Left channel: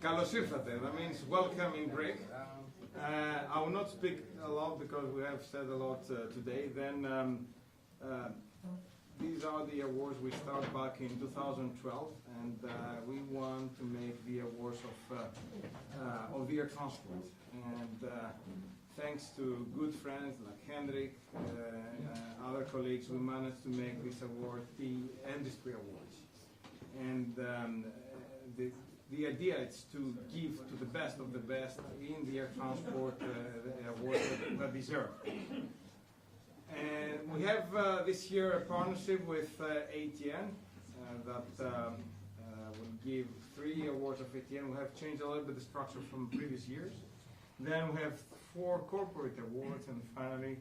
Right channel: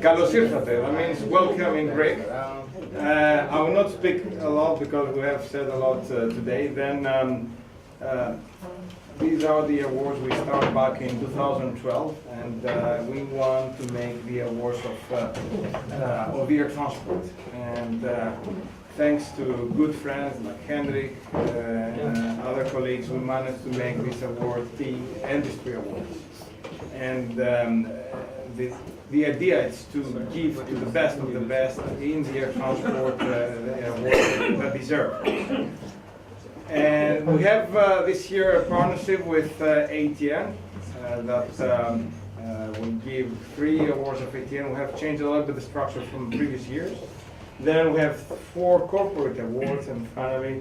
Kalos ήρθατε, that means welcome in Greek. I will not speak a lot because we have said a lot today. Then these are the awards we started back in 2012, and we want to make the awards of air transport. And thanks to good friends like Hendrik and other colleagues, we managed to make this award the industry awards. And the idea is to give to the best of the best in the air transport the awards that deserve. And we have this year a partnership with ATN that will give 3 awards of ATN. We have changed a little bit the structure from previous years. Then we have 4 corporate awards, and finally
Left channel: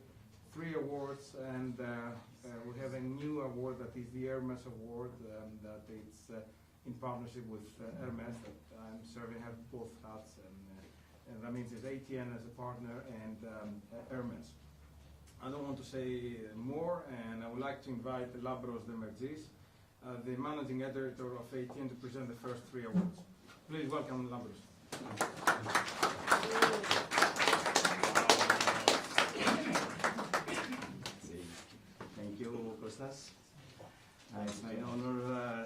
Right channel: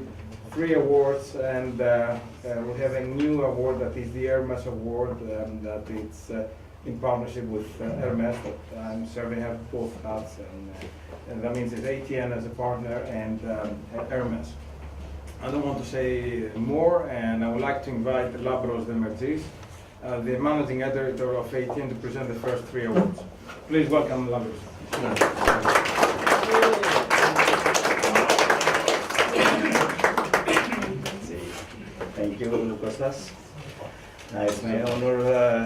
3 awards, and we have a new award that is the Hermes award, that it's in partnership with Hermes, that I'm serving, have both hats, and that means it's ATN as a partner and Hermes. I don't want to say more, and I would like to invite Labros Demertzis, the managing editor of ATN, to present the first 3 awards. Please welcome Labros. Thank you, Kostas. It's my honor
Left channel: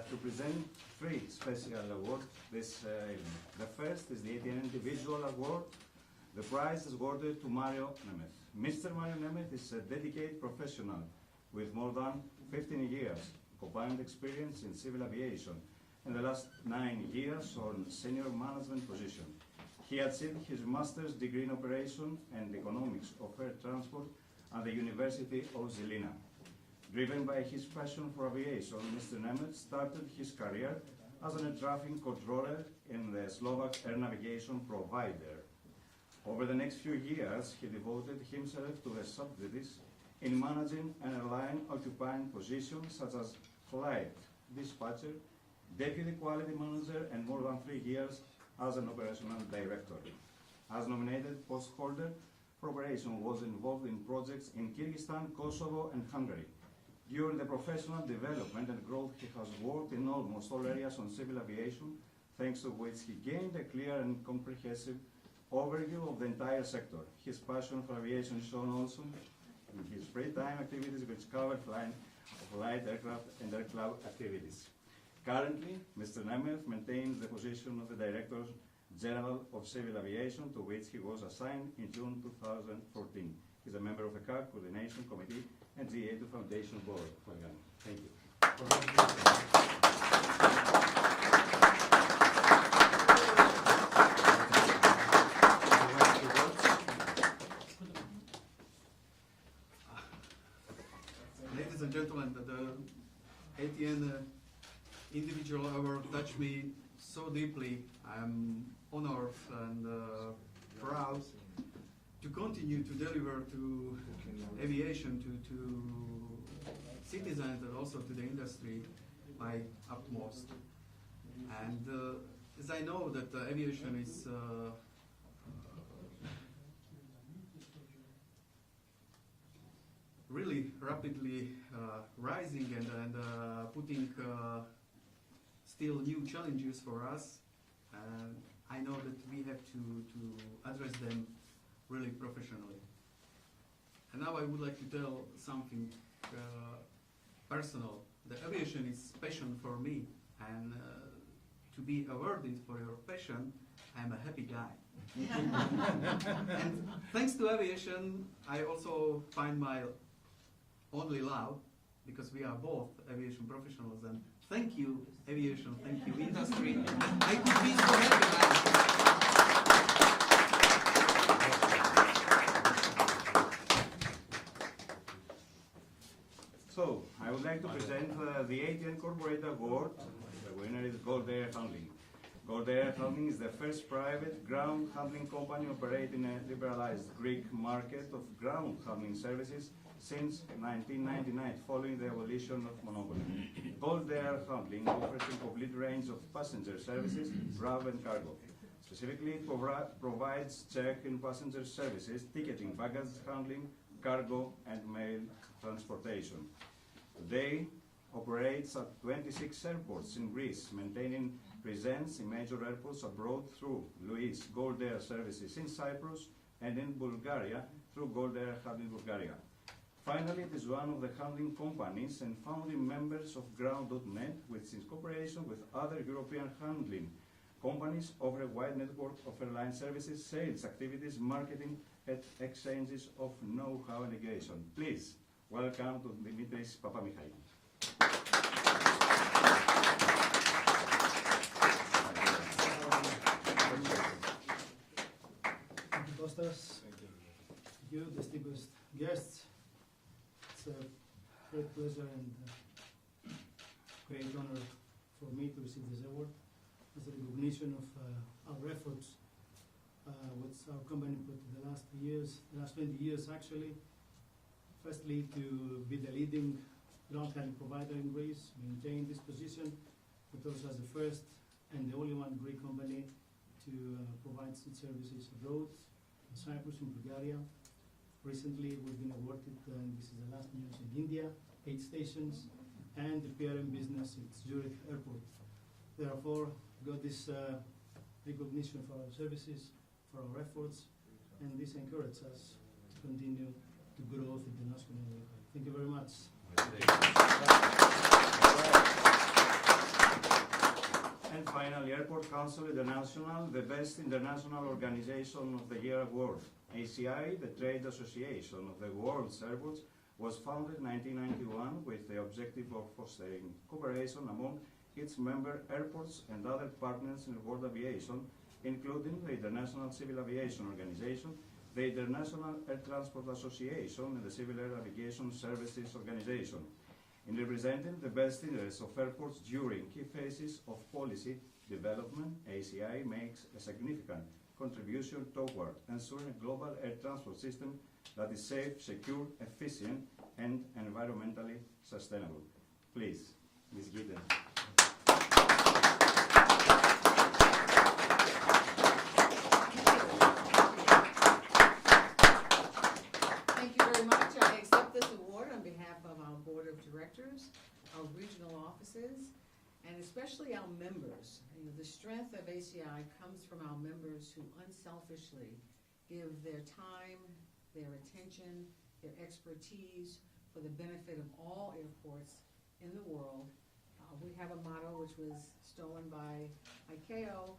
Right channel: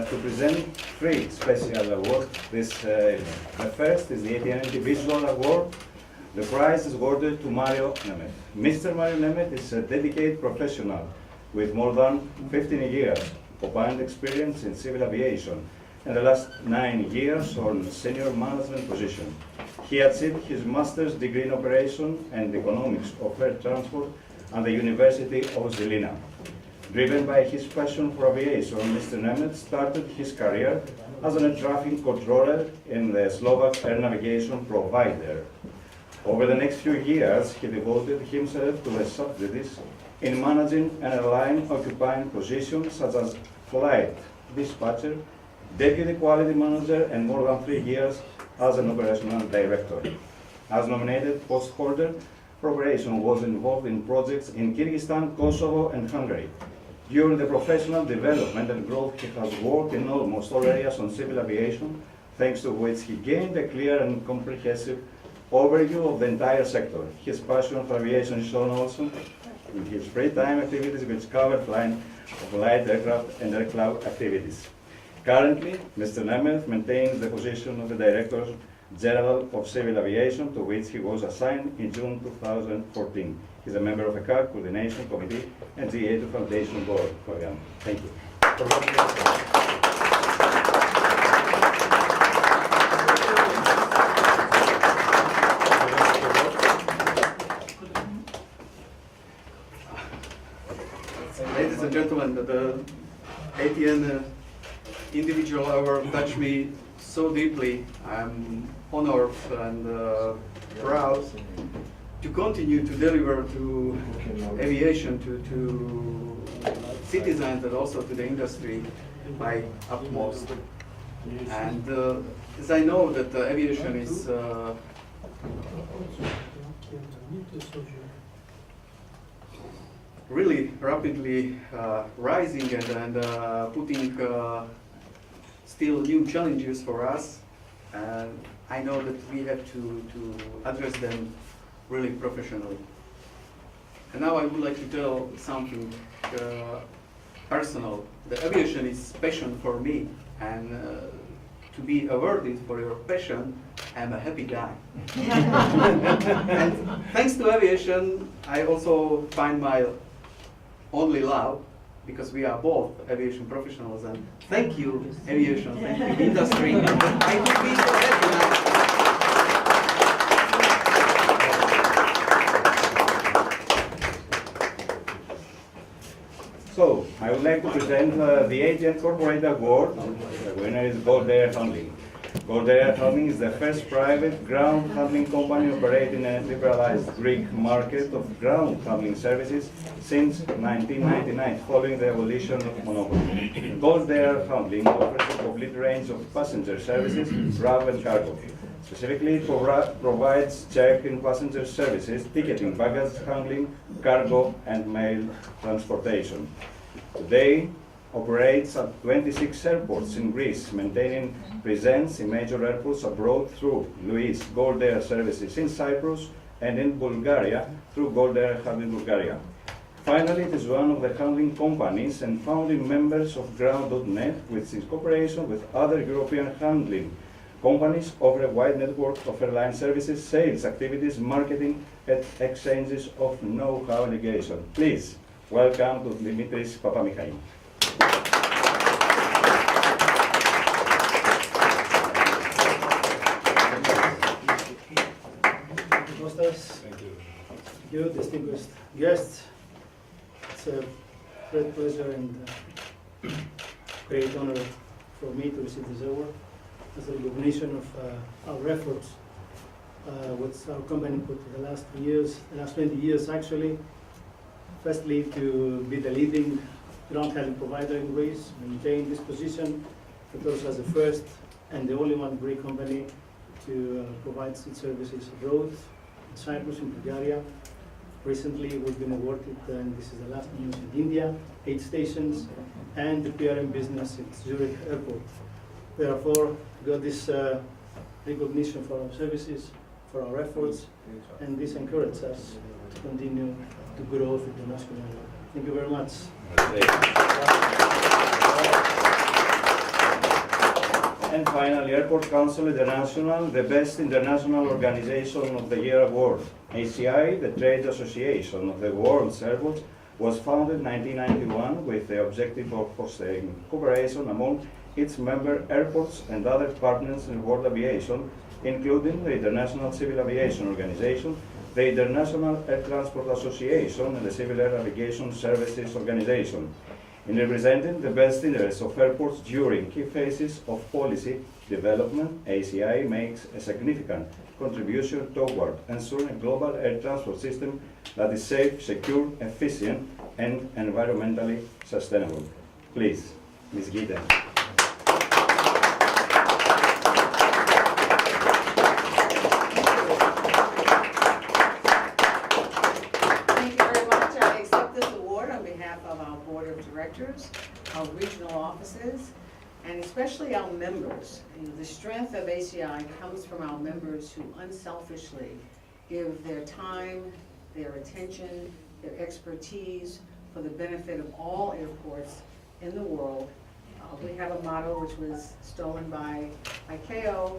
to present 3 special awards. The first is the ATN Individual Award. The prize is awarded to Mario Nemeth. Mr. Mario Nemeth is a dedicated professional with more than 15 years combined experience in civil aviation and the last 9 years on senior management position. He achieved his master's degree in operation and economics of air transport at the University of Žilina. Driven by his passion for aviation, Mr. Nemeth started his career as an air traffic controller in the Slovak air navigation provider. Over the next few years, he devoted himself to the subsidies in managing an airline occupying positions such as flight dispatcher, deputy quality manager, and more than 3 years as an operational director. As nominated post holder, operation was involved in projects in Kyrgyzstan, Kosovo, and Hungary. During the professional development and growth, he has worked in almost all areas on civil aviation, thanks to which he gained a clear and comprehensive overview of the entire sector. His passion for aviation is shown also in his free time activities, which cover flying of light aircraft and aircraft activities. Currently, Mr. Nemeth maintains the position of the Director General of Civil Aviation, to which he was assigned in June 2014. He is a member of the CAC Coordination Committee and the Iatrou Foundation Board. Thank you. Ladies and gentlemen, the ATN Individual Award touched me so deeply. I'm honored and proud to continue to deliver to aviation, to citizens, and also to the industry my utmost. And as I know that aviation is really rapidly rising and putting still new challenges for us, and I know that we have to address them really professionally. And now I would like to tell something personal. The aviation is passion for me, and to be awarded for your passion, I'm a happy guy. And thanks to aviation, I also find my only love, because we are both aviation professionals. And thank you, aviation, thank you, industry. I could be so happy now. So, I would like to present the ATN Corporate Award. The winner is Goldair Handling. Goldair Handling is the first private ground handling company operating in a liberalized Greek market of ground handling services since 1999, following the abolition of monopoly. Goldair Handling offers a complete range of passenger services, RAV and cargo. Specifically, it provides check-in passenger services, ticketing, baggage handling, cargo, and mail transportation. Today, operates at 26 airports in Greece, maintaining presence in major airports abroad through Wizz Goldair services in Cyprus and in Bulgaria through Goldair Hub in Bulgaria. Finally, it is one of the handling companies and founding members of Ground.net, which in cooperation with other European handling companies offer a wide network of airline services, sales activities, marketing, and exchanges of know-how allegation. Please welcome to Dimitris Papamichail. Thank you, distinguished guests. It's a great pleasure and great honor for me to receive this award as a recognition of our efforts, which our company put in the last years, the last 20 years actually. Firstly, to be the leading ground handling provider in Greece, maintain this position, but also as the first and the only one Greek company to provide its services abroad, in Cyprus and Bulgaria. Recently, we've been awarded, and this is the last news, in India, 8 stations, and the PRM business at Zurich Airport. Therefore, we got this recognition for our services, for our efforts, and this encourages us to continue to grow internationally. Thank you very much. And finally, Airport Council International, the Best International Organization of the Year award. ACI, the trade association of the world's airports, was founded in 1991 with the objective of fostering cooperation among its member airports and other partners in world aviation, including the International Civil Aviation Organization, the International Air Transport Association, and the Civil Air Navigation Services Organization. In representing the best interests of airports during key phases of policy development, ACI makes a significant contribution toward ensuring a global air transport system that is safe, secure, efficient, and environmentally sustainable. Please, Ms. Gita. Our regional offices, and especially our members. You know, the strength of ACI comes from our members who unselfishly give their time, their attention, their expertise for the benefit of all airports in the world. We have a motto which was stolen by ICAO.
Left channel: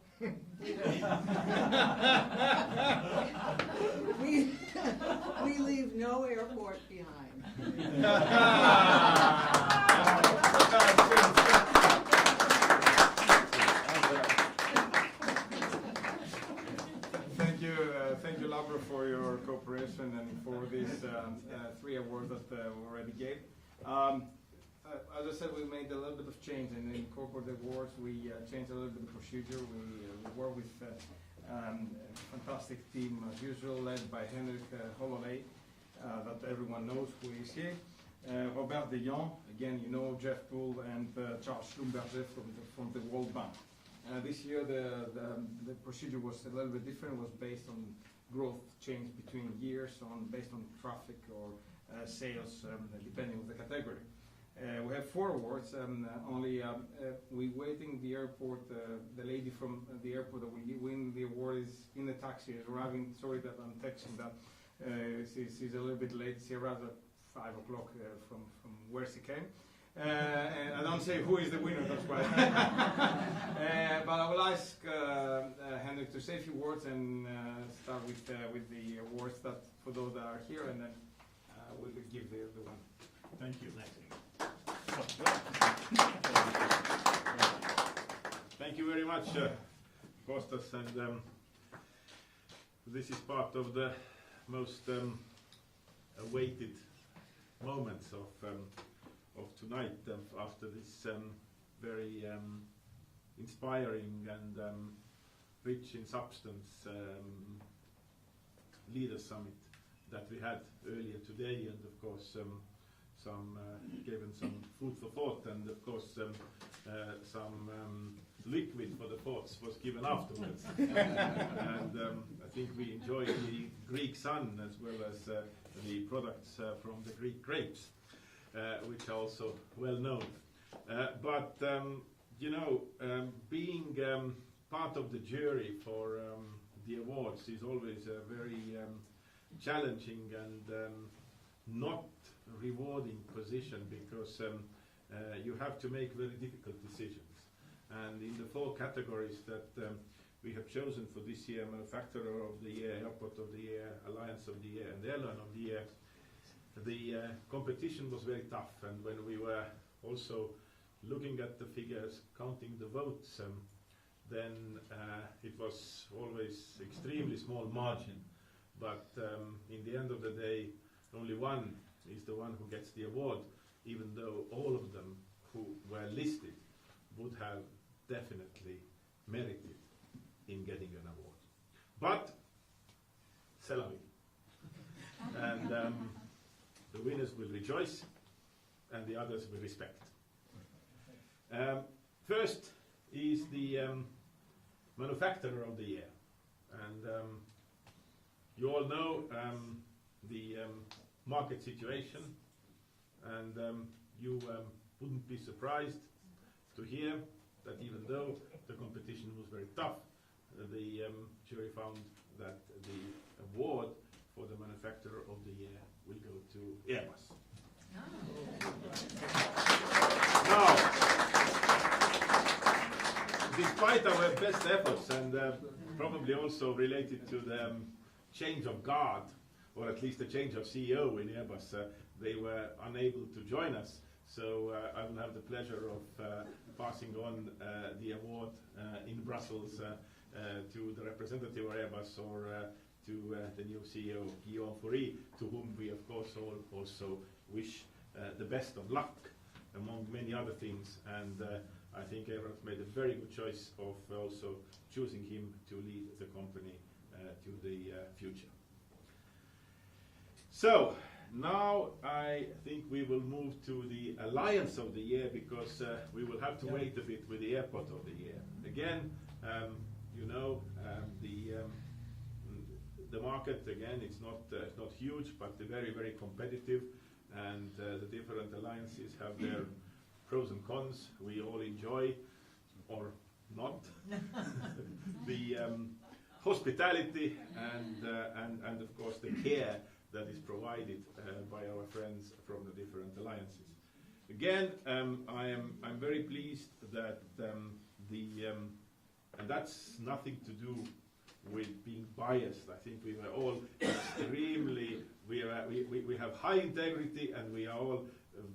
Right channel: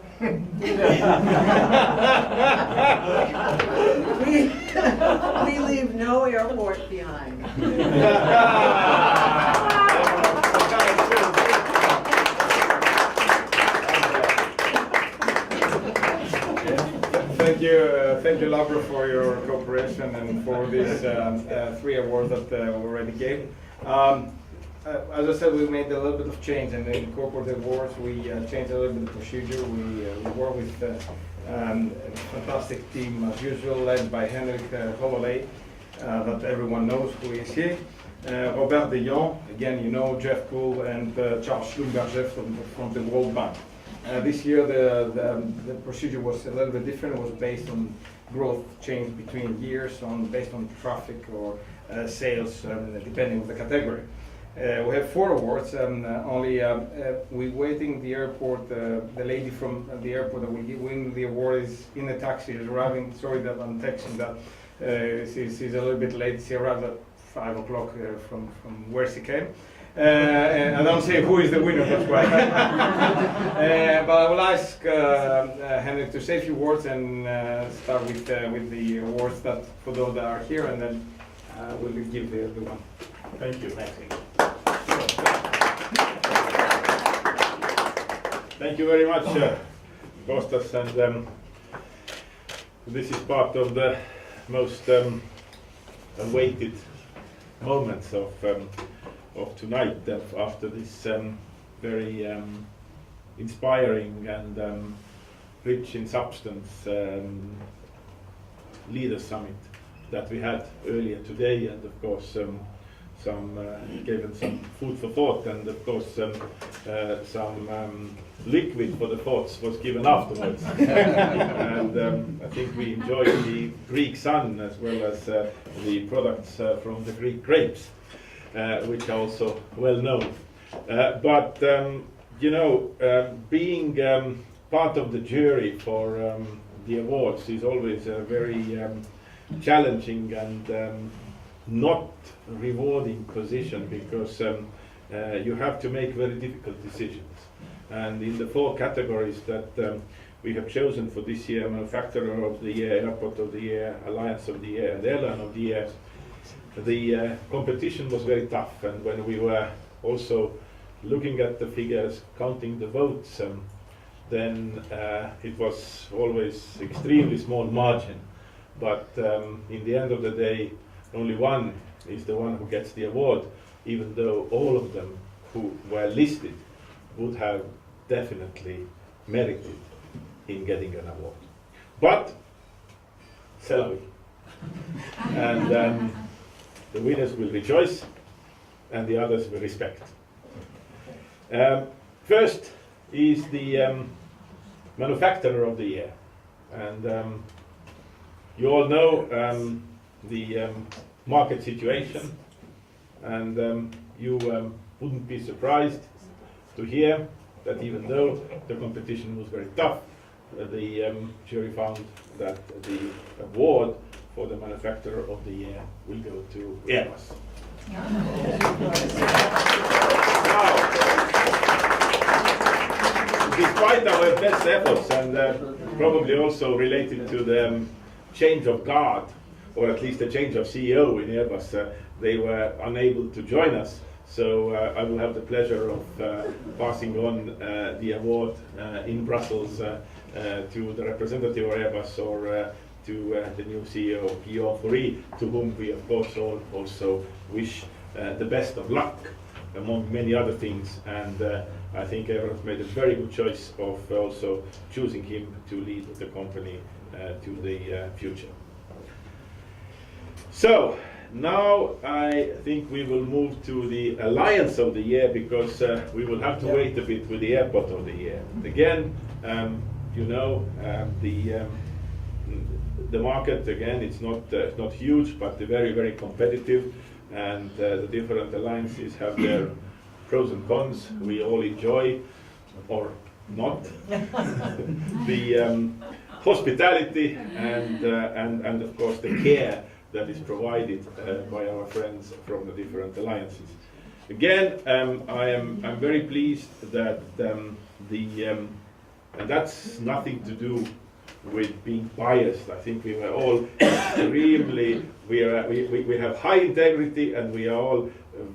We leave no airport behind. Thank you, Laura, for your cooperation and for these 3 awards that we already gave. As I said, we made a little bit of change, and in corporate awards, we changed a little bit of procedure. We work with a fantastic team, as usual, led by Henrik Holloway, that everyone knows who is here. Robert De Jong, again, you know, Jeff Poole, and Charles Schlumberger from the World Bank. This year, the procedure was a little bit different. It was based on growth change between years, based on traffic or sales, depending on the category. We have 4 awards, and we're waiting the airport. The lady from the airport that will win the award is in the taxi, is arriving. Sorry that I'm texting that. She's a little bit late. She arrived at 5 o'clock from where she came. And I don't say who is the winner, that's why. But I will ask Henrik to say a few words and start with the awards that for those that are here, and then we'll give the one. Thank you. Thank you very much, Kostas, and this is part of the most awaited moments of tonight, after this very inspiring and rich in substance Leaders Summit that we had earlier today, and of course given some food for thought, and of course some liquid for the thoughts was given afterwards. And I think we enjoyed the Greek sun as well as the products from the Greek grapes, which are also well known. But you know, being part of the jury for the awards is always a very challenging and not rewarding position, because you have to make very difficult decisions. And in the 4 categories that we have chosen for this year: Manufacturer of the Year, Airport of the Year, Alliance of the Year, and Airline of the Year, the competition was very tough. And when we were also looking at the figures, counting the votes, then it was always extremely small margin. But in the end of the day, only one is the one who gets the award, even though all of them who were listed would have definitely merited in getting an award. But, c'est la vie. And the winners will rejoice, and the others will respect. First is the Manufacturer of the Year. And you all know the market situation, and you wouldn't be surprised to hear that even though the competition was very tough, the jury found that the award for the Manufacturer of the Year will go to Airbus. Now, despite our best efforts, and probably also related to the change of guard, or at least a change of CEO in Airbus, they were unable to join us. So I will have the pleasure of passing on the award in Brussels to the representative of Airbus, or to the new CEO, Iatrou, to whom we of course all also wish the best of luck, among many other things. And I think Airbus made a very good choice of also choosing him to lead the company to the future. So now I think we will move to the Alliance of the Year, because we will have to wait a bit with the Airport of the Year. Again, you know, the market, again, it's not huge, but very, very competitive, and the different alliances have their pros and cons. We all enjoy, or not, the hospitality and of course the care that is provided by our friends from the different alliances. Again, I'm very pleased that and that's nothing to do with being biased. I think we were all extremely, we have high integrity, and we are all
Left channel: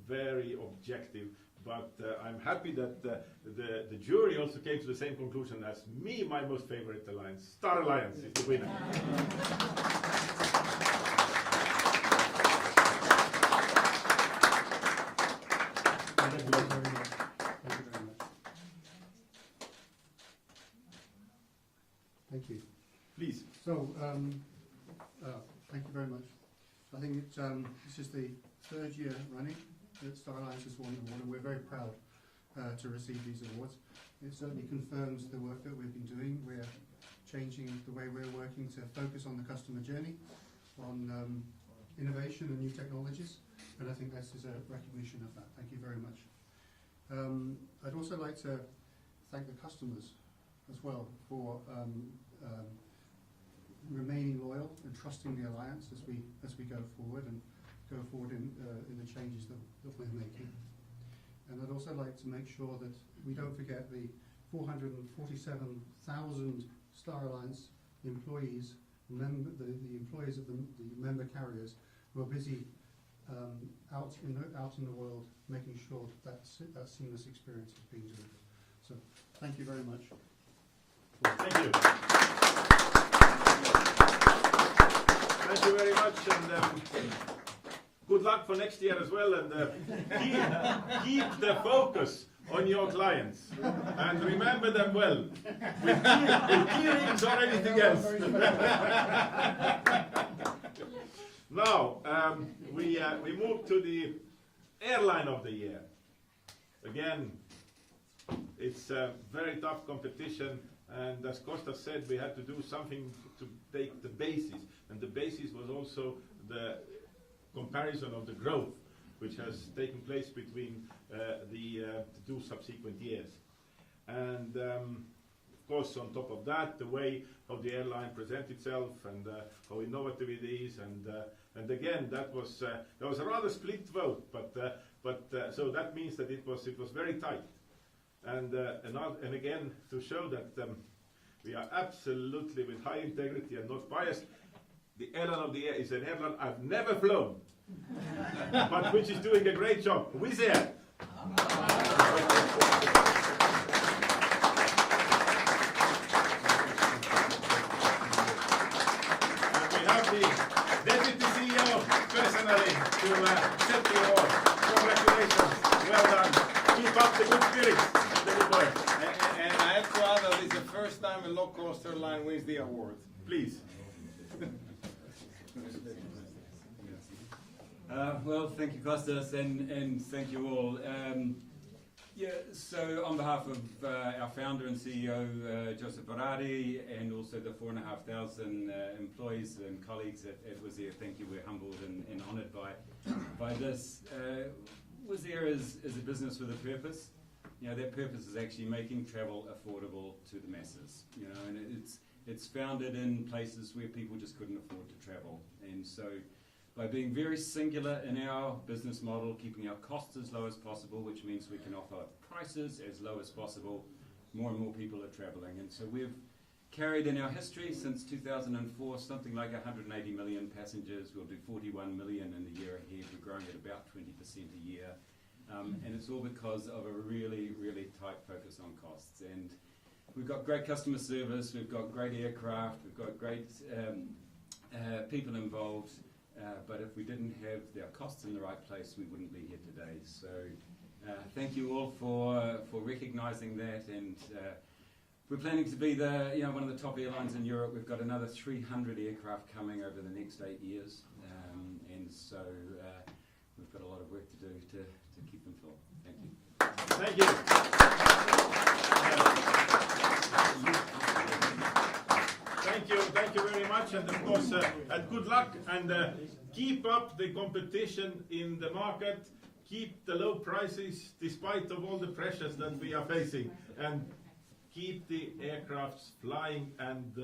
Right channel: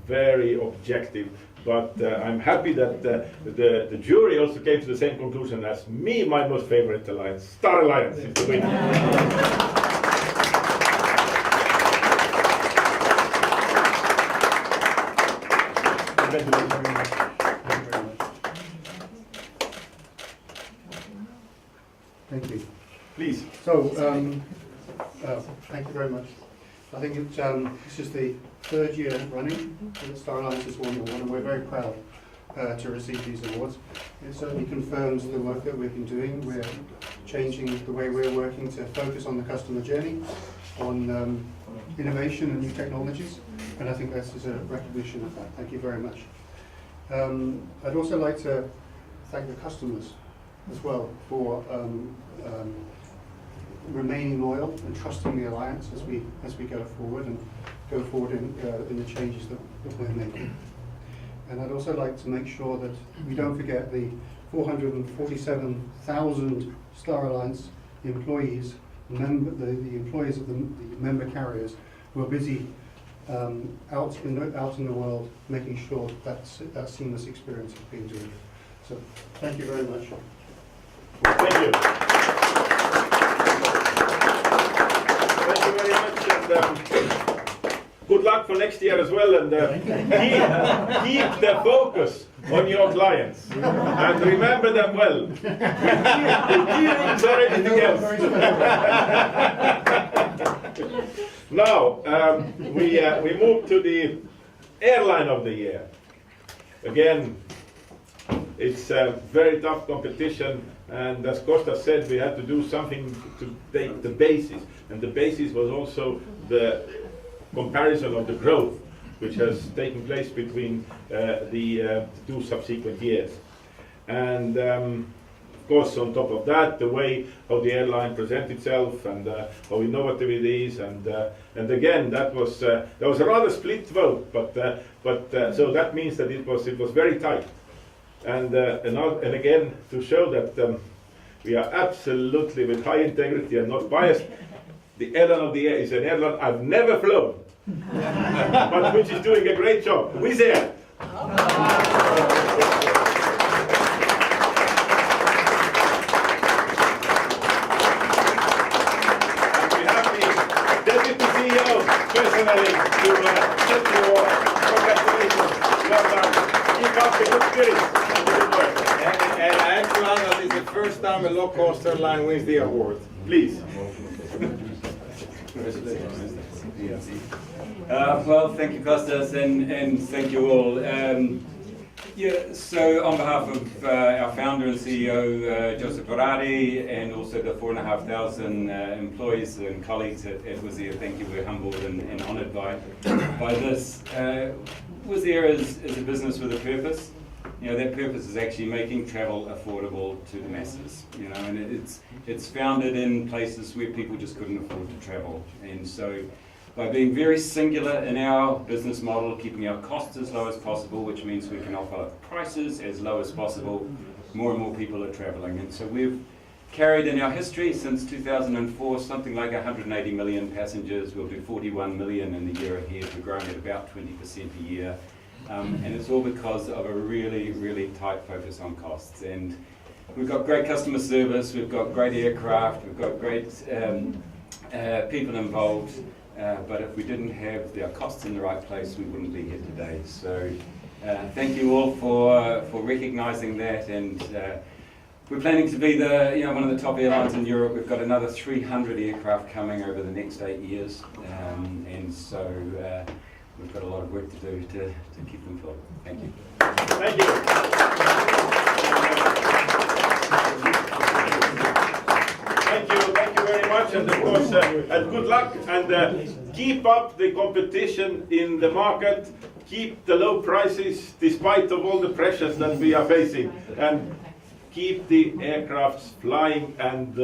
very objective. But I'm happy that the jury also came to the same conclusion as me. My most favorite alliance, Star Alliance, is the winner. Thank you. Please. So, thank you very much. I think this is the 3rd year running that Star Alliance has won the award, and we're very proud to receive these awards. It certainly confirms the work that we've been doing. We're changing the way we're working to focus on the customer journey, on innovation and new technologies, and I think this is a recognition of that. Thank you very much. I'd also like to thank the customers as well for remaining loyal and trusting the alliance as we go forward in the changes that we're making. And I'd also like to make sure that we don't forget the 447,000 Star Alliance employees, the employees of the member carriers, who are busy out in the world, making sure that seamless experience is being delivered. So thank you very much. Thank you. Thank you very much, and good luck for next year as well. And keep the focus on your clients, and remember them well. Or anything else. Now we move to the Airline of the Year. Again, it's a very tough competition. And as Costa said, we had to do something to take the basis. And the basis was also the comparison of the growth. which has taken place between the two subsequent years. And of course, on top of that, the way how the airline presents itself and how innovative it is, and again, that was a rather split vote, but so that means that it was very tight. And again, to show that we are absolutely with high integrity and not biased, the Airline of the Year is an airline I've never flown, but which is doing a great job. Wizz Air. And we have the Deputy CEO personally to send you all congratulations. Well done. Keep up the good spirits and the good work. And I am glad that it's the first time a low-cost airline wins the award. Please. Well, thank you, Kostas, and thank you all. Yeah, so on behalf of our founder and CEO, Joseph Ferrari, and also the 4,500 employees and colleagues at Wizz Air, thank you. We're humbled and honoured by this. Wizz Air is a business with a purpose. You know, that purpose is actually making travel affordable to the masses. You know, and it's founded in places where people just couldn't afford to travel. And so, by being very singular in our business model, keeping our costs as low as possible, which means we can offer prices as low as possible, more and more people are traveling. And so we've carried in our history since 2004 something like 180 million passengers. We'll do 41 million in the year ahead. We're growing at about 20% a year. And it's all because of a really, really tight focus on costs. And we've got great customer service, we've got great aircraft, we've got great people involved. But if we didn't have our costs in the right place, we wouldn't be here today. So thank you all for recognising that. And we're planning to be one of the top airlines in Europe. We've got another 300 aircraft coming over the next 8 years. And so we've got a lot of work to do to keep them full. Thank you. Thank you. Thank you very much, and of course, and good luck, and keep up the competition in the market, keep the low prices despite of all the pressures that we are facing, and keep the aircrafts flying and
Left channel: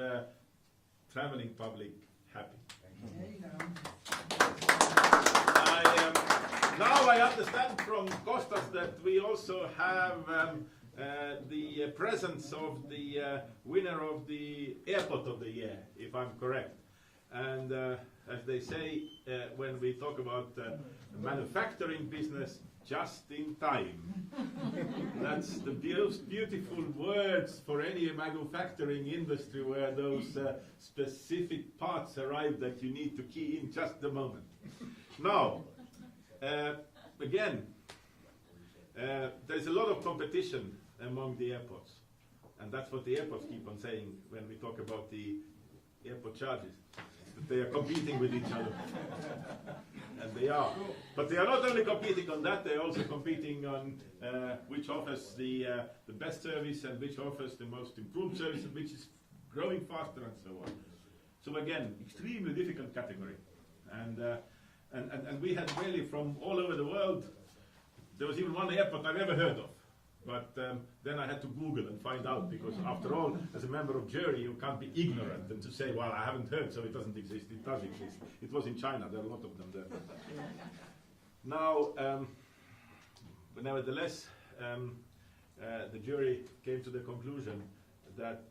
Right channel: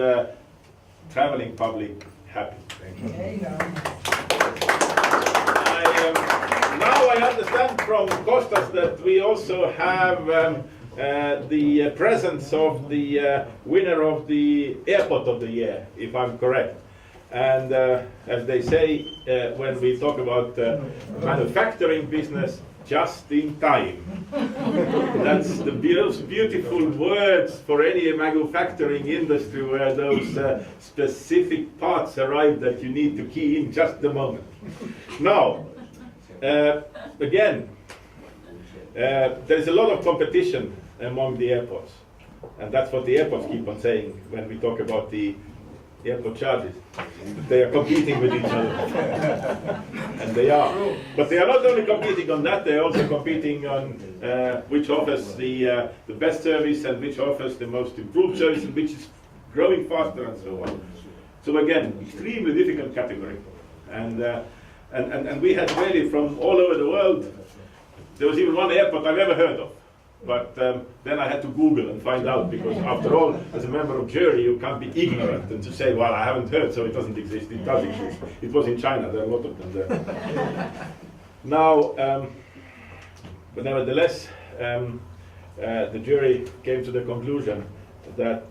traveling public happy. Thank you. Now I understand from Kostas that we also have the presence of the winner of the Airport of the Year, if I'm correct. And as they say, when we talk about manufacturing business, just in time. That's the beautiful words for any manufacturing industry where those specific parts arrive that you need to key in just a moment. Now, again, there is a lot of competition among the airports, and that's what the airports keep on saying when we talk about the airport charges. They are competing with each other, and they are. But they are not only competing on that; they are also competing on which offers the best service and which offers the most improved service and which is growing faster and so on. So again, extremely difficult category, and we had really from all over the world. There was even one airport I've never heard of. But then I had to Google and find out, because after all, as a member of jury, you can't be ignorant and to say, well, I haven't heard, so it doesn't exist. It does exist. It was in China. There are a lot of them there. Now, but nevertheless, the jury came to the conclusion that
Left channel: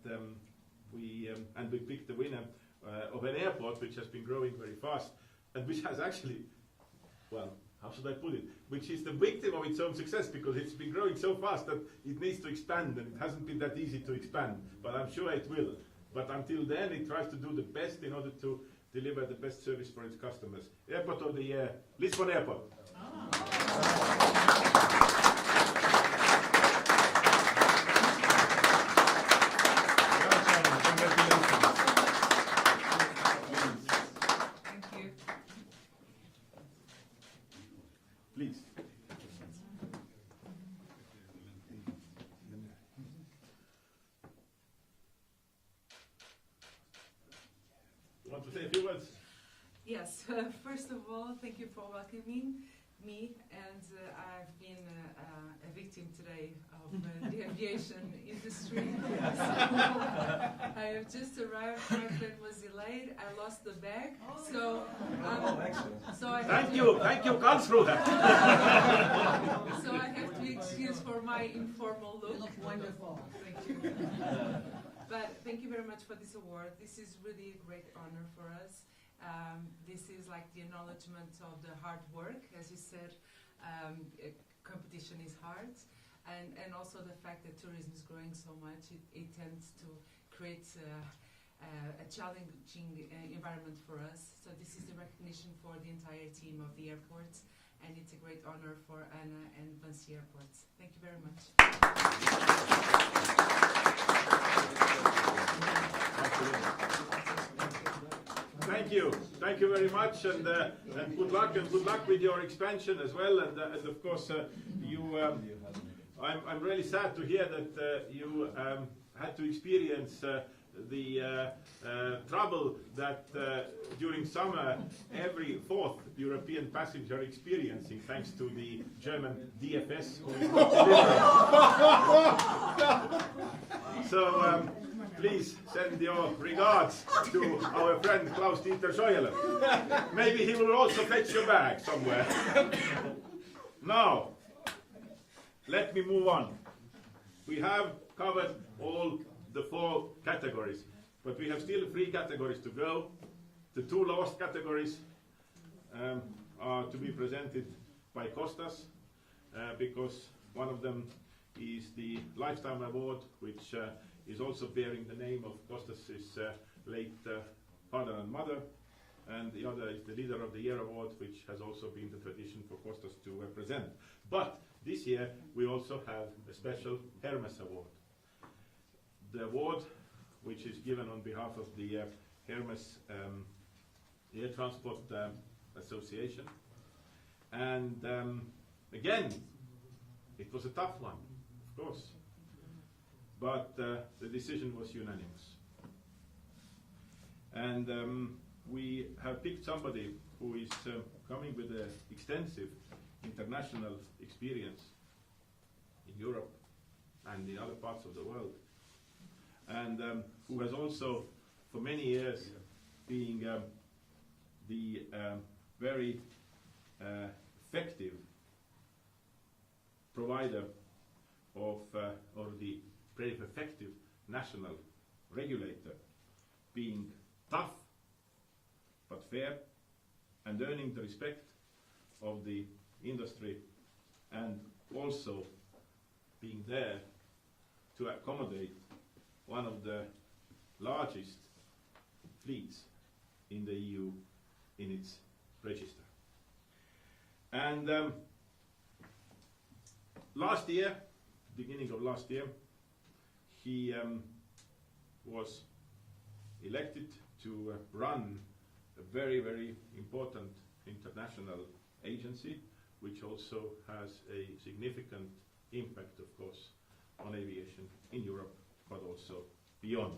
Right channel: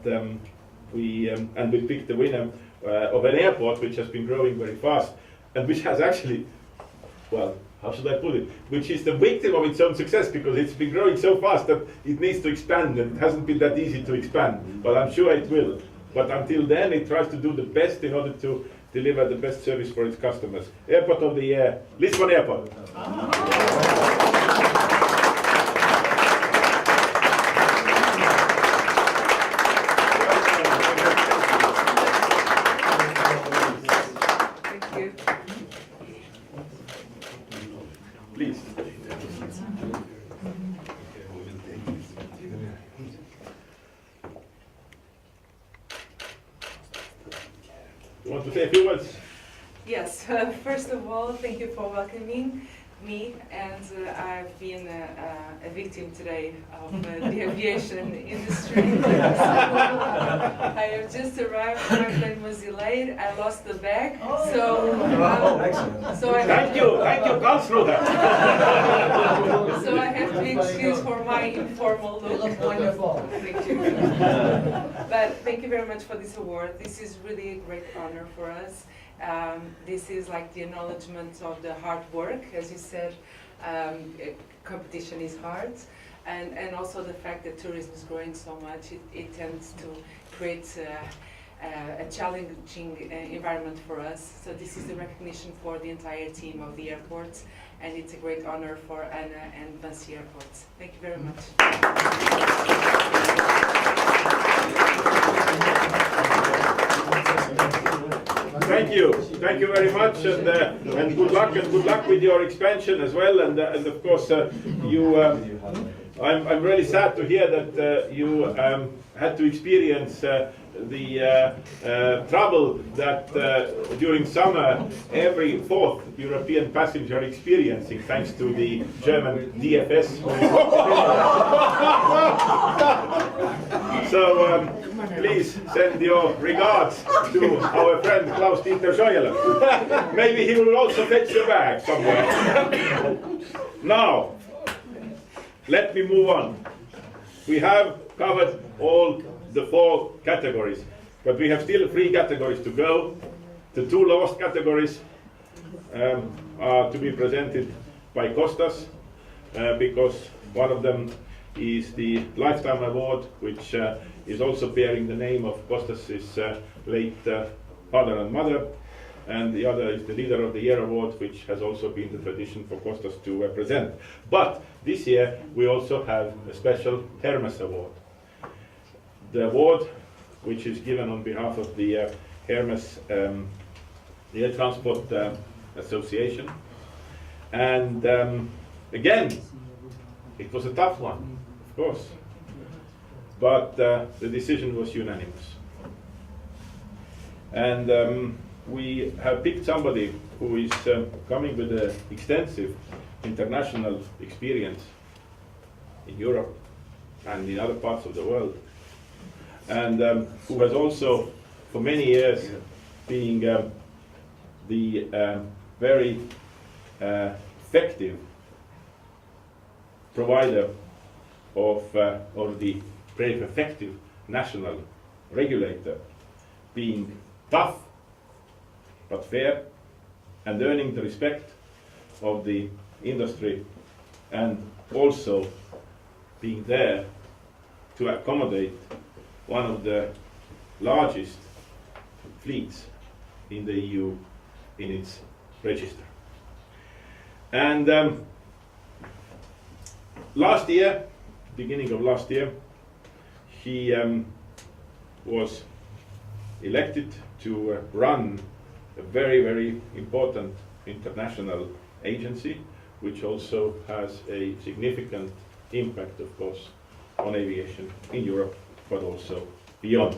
we picked the winner of an airport which has been growing very fast and which has actually, well, how should I put it, which is the victim of its own success, because it's been growing so fast that it needs to expand, and it hasn't been that easy to expand, but I'm sure it will. But until then, it tries to do the best in order to deliver the best service for its customers. Airport of the Year, Lisbon Airport. Yes, first of all, thank you for welcoming. me, and I've been a victim today of the aviation industry. I have just arrived, my plane was delayed, I lost the bag, so I have Thank you, come through that. so I have to be excused for my informal look. You look wonderful. Thank you. But thank you very much for this award. This is really a great honor for us. This is like the acknowledgement of the hard work. As you said, competition is hard. And also the fact that tourism is growing so much, it tends to create a challenging environment for us. So this is the recognition for the entire team of the airports, and it's a great honor for Anna and Vinci Airports. Thank you very much. Thank you very much, and good luck with your expansion as well. And of course, I'm really sad to hear that you had to experience the trouble that during summer every fourth European passenger experiencing, thanks to the German DFS. So please send your regards to our friend Klaus-Dieter Scheuerle. Maybe he will also fetch your bag somewhere. Now, let me move on. We have covered all the 4 categories, but we have still 3 categories to go. The 2 last categories are to be presented by Kostas, because one of them is the Lifetime Award, which is also bearing the name of Kostas's late father and mother, and the other is the Leader of the Year Award, which has also been the tradition for Kostas to present. But this year we also have a special Hermes Award. The award, which is given on behalf of the Hermes Air Transport Association. And again, it was a tough one, of course, but the decision was unanimous. And we have picked somebody who is coming with an extensive international experience in Europe and in other parts of the world, and who has also for many years been the very effective provider of, or the very effective national regulator, being tough but fair and earning the respect of the industry, and also being there to accommodate one of the largest fleets in the EU in its register. And last year, beginning of last year, he was elected to run a very, very important international agency, which also has a significant impact, of course, on aviation in Europe, but also beyond.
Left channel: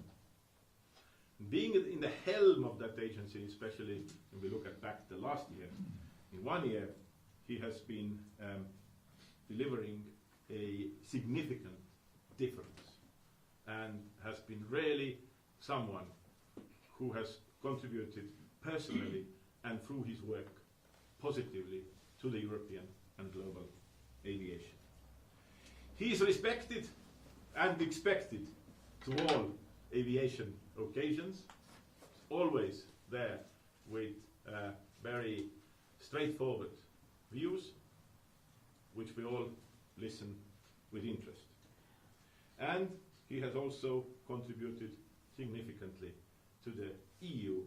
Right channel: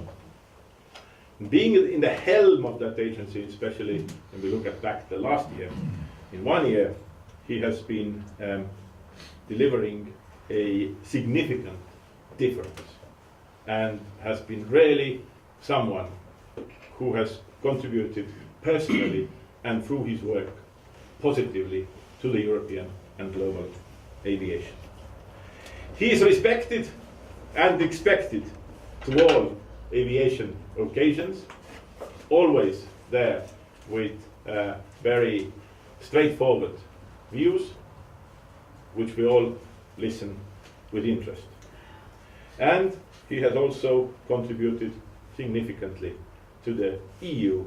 Being in the helm of that agency, especially when we look at back the last year, in 1 year, he has been delivering a significant difference, and has been really someone who has contributed personally and through his work positively to the European and global aviation. He is respected and expected to all aviation occasions, always there with very straightforward views, which we all listen with interest. And he has also contributed significantly to the EU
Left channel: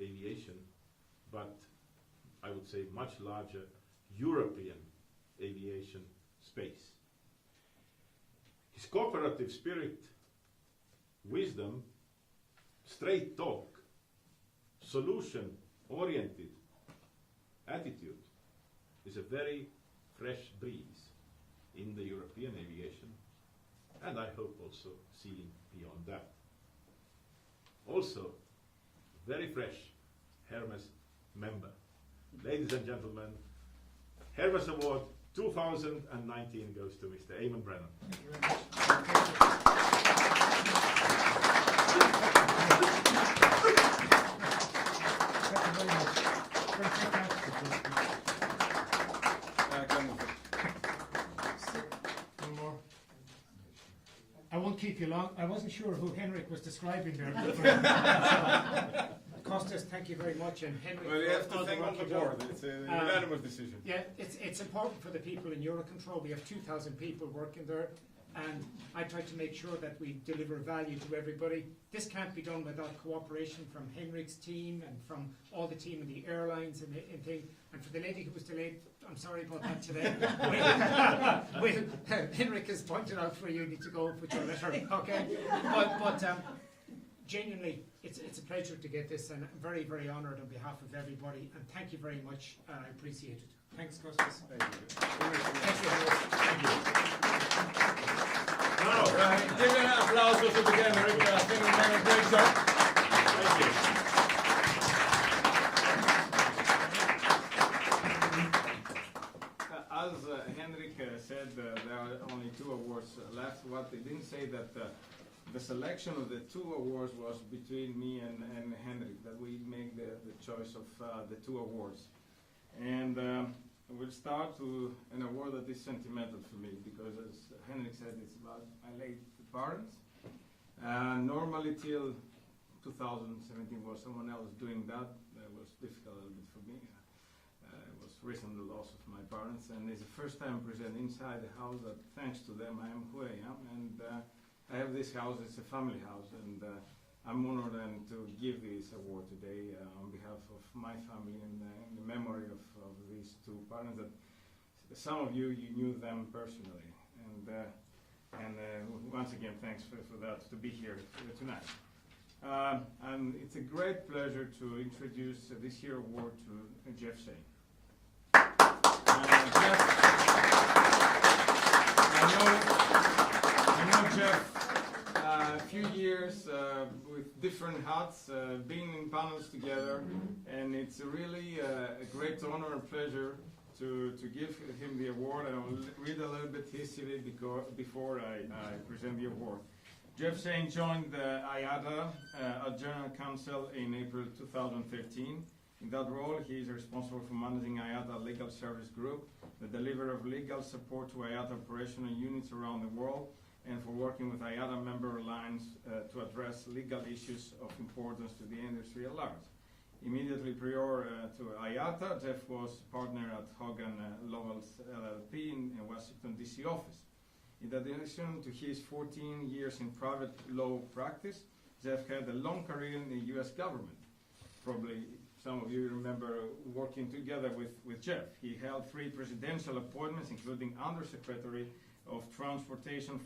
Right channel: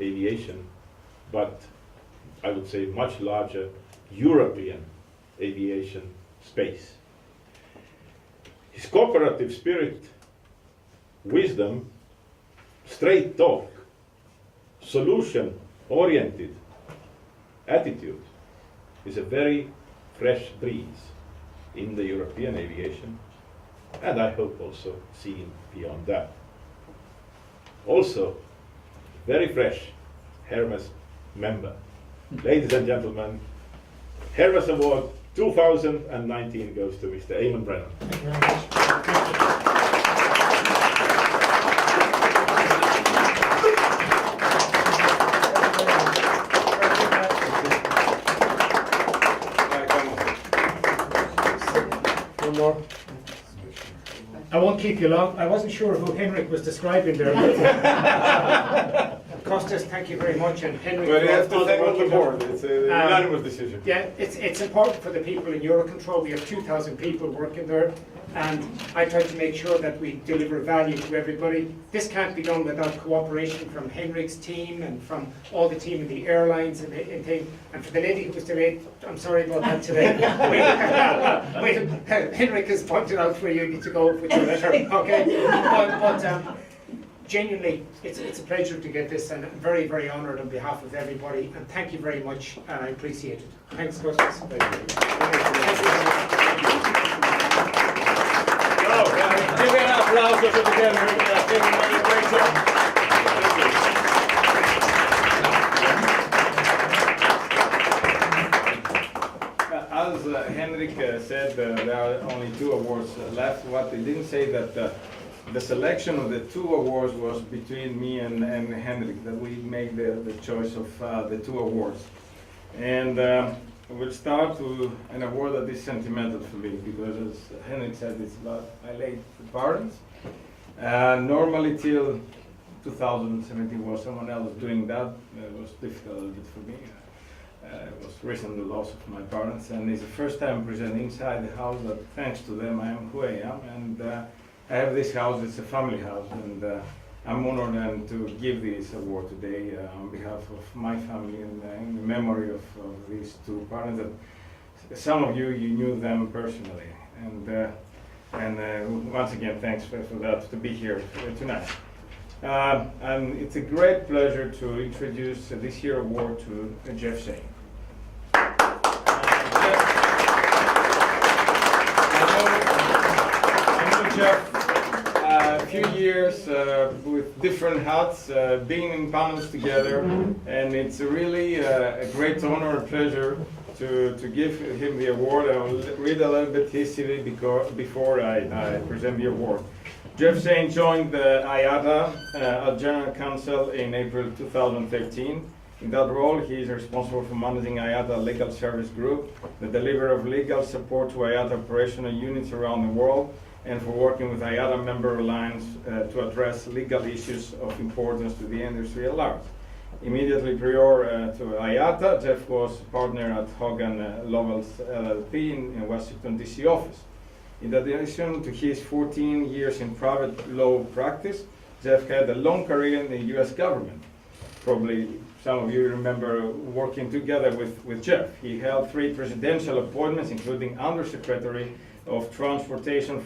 aviation, but I would say much larger European aviation space. His cooperative spirit, wisdom, straight talk, solution-oriented attitude is a very fresh breeze in the European aviation, and I hope also seen beyond that. Also, very fresh Hermes member. Ladies and gentlemen, Hermes Award 2019 goes to Mr. Eamonn Brennan. Thank you very much. One more. I won't keep you long. I wasn't sure who Henrik was describing there. Costas, thank you very much, and Henrik. Well, you for have to all thank work all the you've done. board. It's a unanimous decision. Yeah, it's important for the people in Eurocontrol. We have 2,000 people working there, and I try to make sure that we deliver value to everybody. This can't be done without cooperation from Henrik's team and from all the team in the airlines and thing. And for the lady who was delayed, I'm sorry about that today. Henrik has pointed out where you need to go with your letter, okay? But genuinely, it's a pleasure to get this, and I'm very, very honoured on behalf of everybody, and thank you very much, and I appreciate it. Thanks, Costas. Thank you. Give me an applause for the Henrik. I think you did a great job. As Henrik said, there are only 2 awards left. What he didn't say that the selection of the 2 awards was between me and Henrik, that we make the choice of the 2 awards. And we'll start with an award that is sentimental for me, because as Henrik said, it's about my late parents. Normally till 2017 was someone else doing that. It was difficult a little bit for me. It was recent the loss of my parents, and it's the first time presenting inside the house that thanks to them I am who I am. And I have this house, it's a family house, and I'm honored then to give this award today on behalf of my family and in the memory of these 2 parents. That some of you knew them personally, and once again thanks for that, to be here tonight. And it's a great pleasure to introduce this year's award to Jeff Shane. I know Jeff a few years with different hats, being in panels together, and it's really a great honor and pleasure to give him the award. I will read a little bit history before I present the award. Jeff Shane joined the IATA as General Counsel in April 2013. In that role, he is responsible for managing IATA Legal Service Group, the delivery of legal support to IATA operational units around the world, and for working with IATA member airlines to address legal issues of importance to the industry at large. Immediately prior to IATA, Jeff was partner at Hogan Lovells LLP in Washington, D.C. office. In addition to his 14 years in private law practice, Jeff had a long career in the U.S. government. Probably some of you remember working together with Jeff. He held 3 presidential appointments, including Undersecretary of Transportation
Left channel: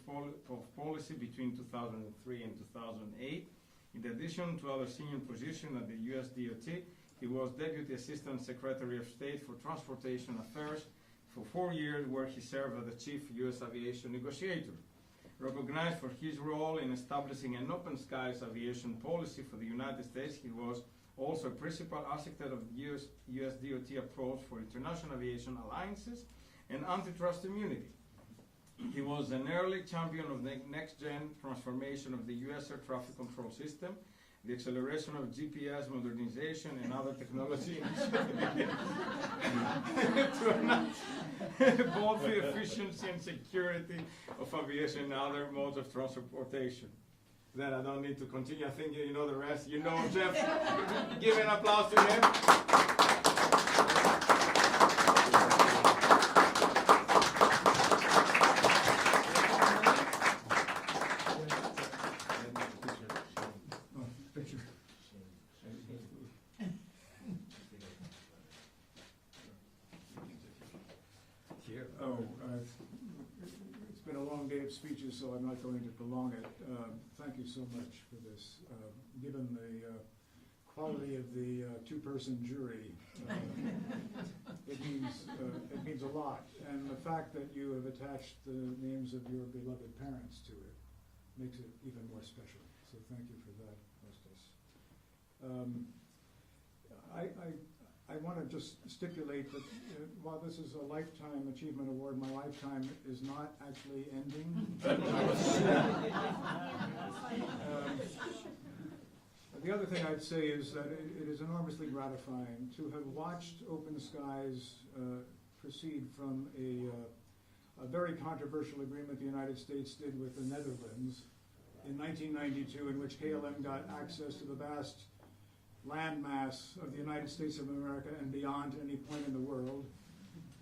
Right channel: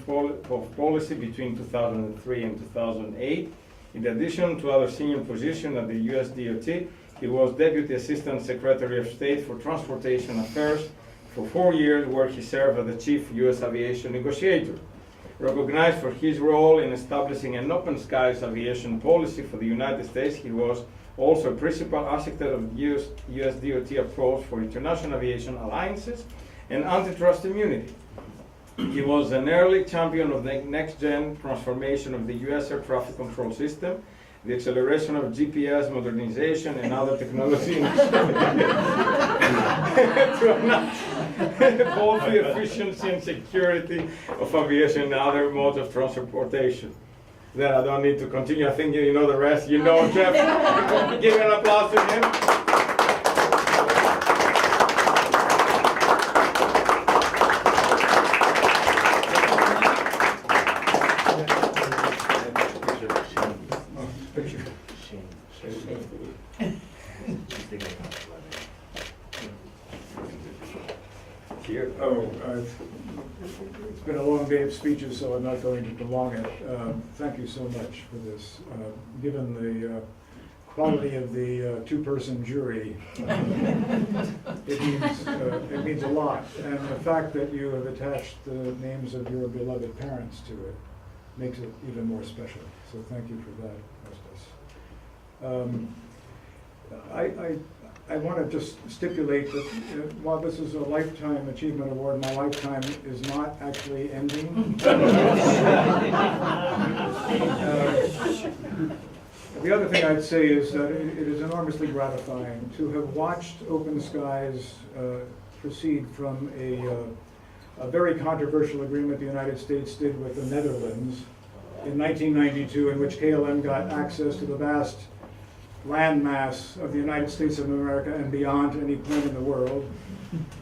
Policy between 2003 and 2008. In addition to other senior positions at the U.S. DOT, he was Deputy Assistant Secretary of State for Transportation Affairs for 4 years, where he served as the Chief U.S. Aviation Negotiator. Recognized for his role in establishing an open skies aviation policy for the United States, he was also principal architect of U.S. DOT approach for international aviation alliances and antitrust immunity. He was an early champion of the next-gen transformation of the U.S. air traffic control system, the acceleration of GPS modernization and other technology to enhance both the efficiency and security of aviation and other modes of transportation. Then I don't need to continue. I think you know the rest. You know Jeff. Give an applause to him. Here. It's been a long day of speeches, so I'm not going to prolong it. Thank you so much for this. Given the quality of the 2-person jury, it means a lot. And the fact that you have attached the names of your beloved parents to it makes it even more special. So thank you for that, Costas. I want to just stipulate that while this is a lifetime achievement award, my lifetime is not actually ending. The other thing I'd say is that it is enormously gratifying to have watched Open Skies proceed from a very controversial agreement the United States did with the Netherlands in 1992, in which KLM got access to the vast landmass of the United States of America and beyond to any point in the world,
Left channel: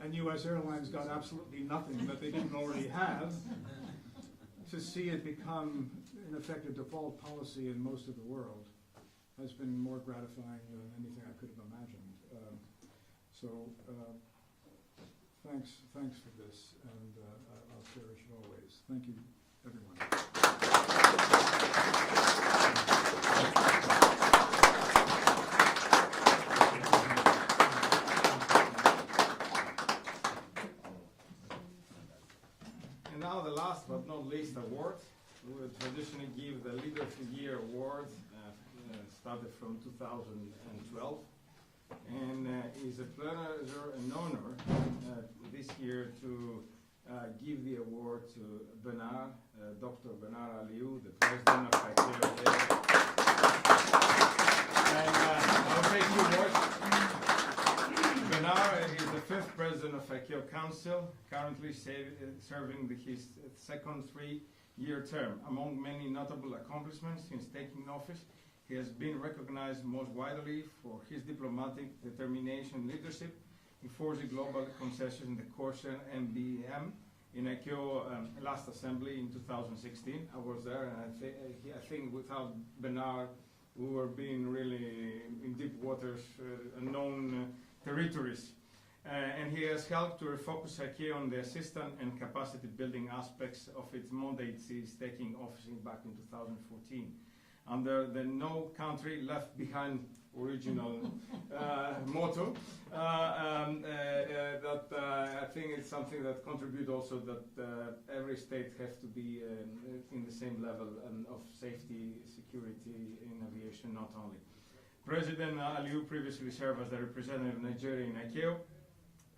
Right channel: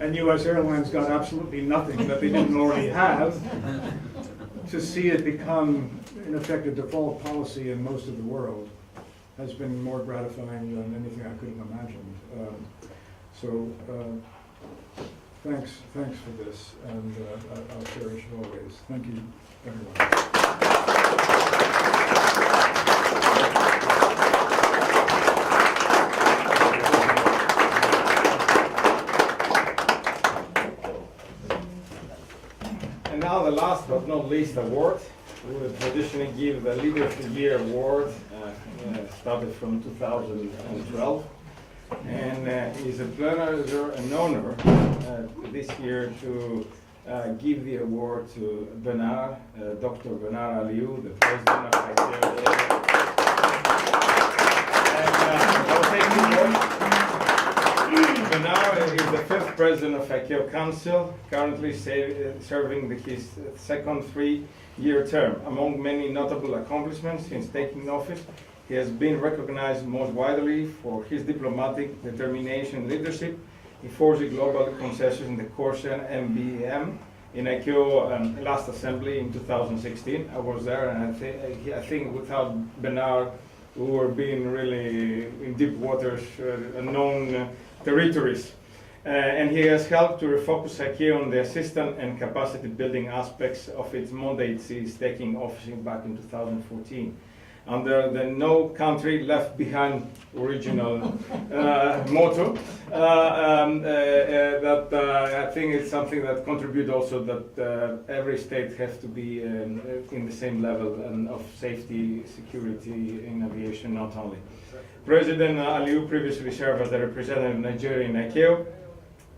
and U.S. Airlines got absolutely nothing that they didn't already have. To see it become, in effect, a default policy in most of the world has been more gratifying than anything I could have imagined. Thanks for this, and I'll cherish it always. Thank you, everyone. And now the last but not least award. We will traditionally give the Leader of the Year award, started from 2012. And it's a pleasure and honor this year to give the award to Benard, Dr. Benard Aliu, the president of ICAO. And thank you, Lord. Benard is the 5th president of ICAO Council, currently serving his second 3-year term. Among many notable accomplishments since taking office, he has been recognized most widely for his diplomatic determination and leadership, enforcing global concessions in the Corsican MBM in ICAO last assembly in 2016. I was there, and I think without Benard, we were being really in deep waters, unknown territories. And he has helped to refocus ICAO on the assistance and capacity building aspects of its mandate since taking office back in 2014. Under the no country left behind original motto, that I think it's something that contributes also that every state has to be in the same level of safety, security in aviation, not only. President Aliu previously served as the representative of Nigeria in ICAO,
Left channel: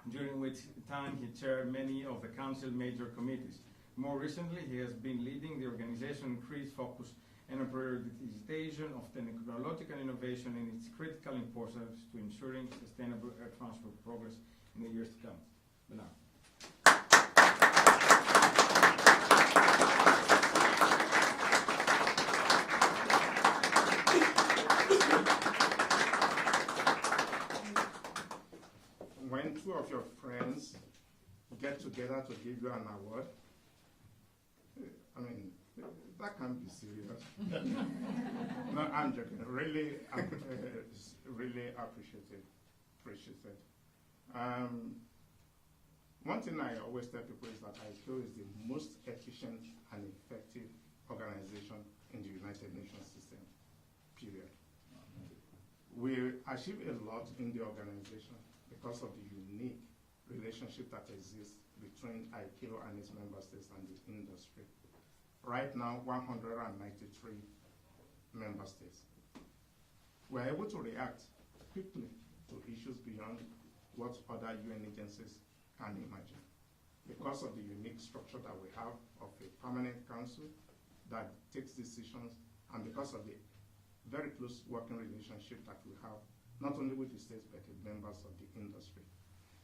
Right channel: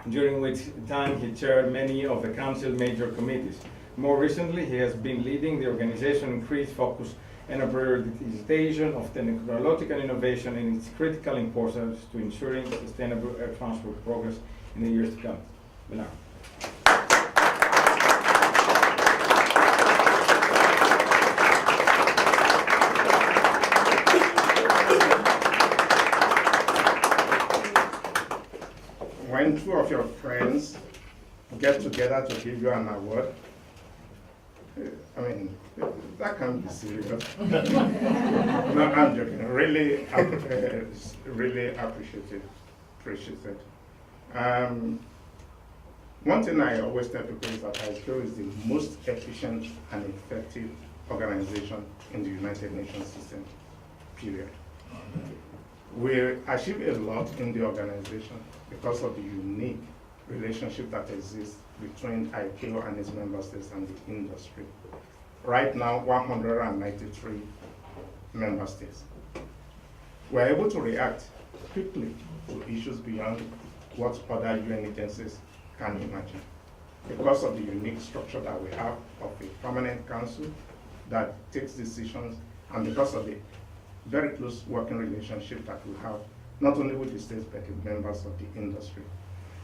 during which time he chaired many of the council major committees. More recently, he has been leading the organization increased focus and a prioritization of technological innovation and its critical importance to ensuring sustainable air transport progress in the years to come. Benard. When two of your friends get together to give you an award, I mean, that can't be serious. No, I'm joking. Really, really appreciate it. One thing I always tell people is that ICAO is the most efficient and effective organization in the United Nations system, period. We achieve a lot in the organization because of the unique relationship that exists between ICAO and its member states and the industry. Right now, 193 member states. We're able to react quickly to issues beyond what other UN agencies can imagine. Because of the unique structure that we have of a permanent council that takes decisions, and because of the very close working relationship that we have, not only with the states, but the members of the industry.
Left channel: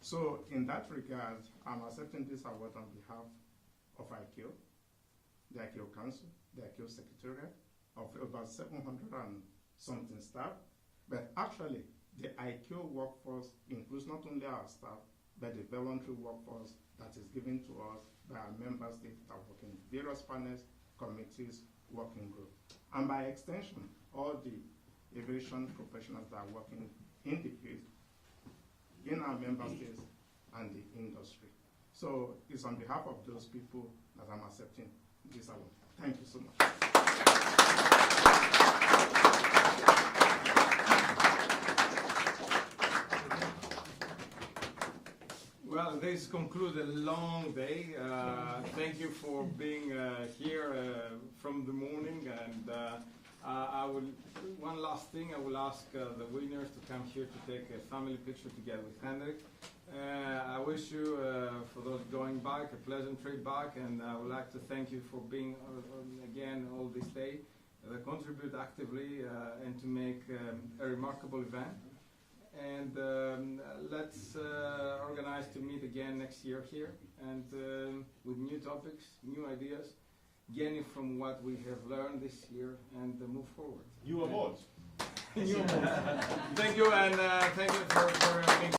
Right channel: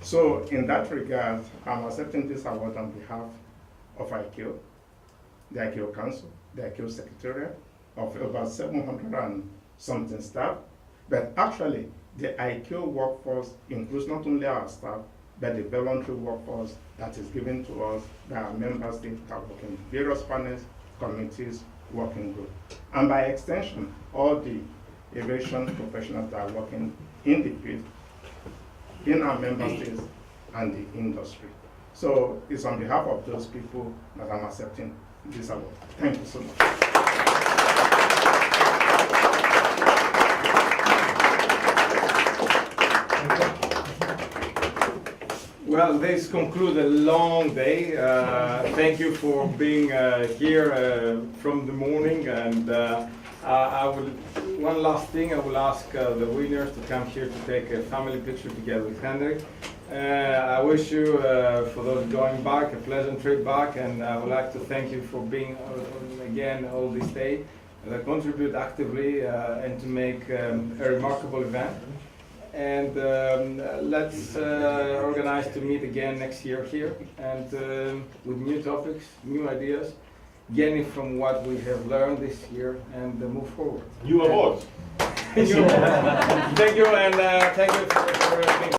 So in that regard, I'm accepting this award on behalf of ICAO, the ICAO Council, the ICAO Secretariat, of about 700 and something staff, but actually the ICAO workforce includes not only our staff, but the voluntary workforce that is given to us by our member states that work in various panels, committees, working groups, and by extension, all the aviation professionals that are working in the field, in our member states and the industry. So it's on behalf of those people that I'm accepting this award. Thank you so much. Well, this concludes a long day. Thank you for being here from the morning, and I would one last thing, I will ask the winners to come here to take a family picture together with Hendrik. I wish you, for those going back, a pleasant trip back, and I would like to thank you for being again all this day, contribute actively and to make a remarkable event. And let's organize to meet again next year here, and with new topics, new ideas, gaining from what we have learned this year, and move forward. New awards. Thank you, and thank you for being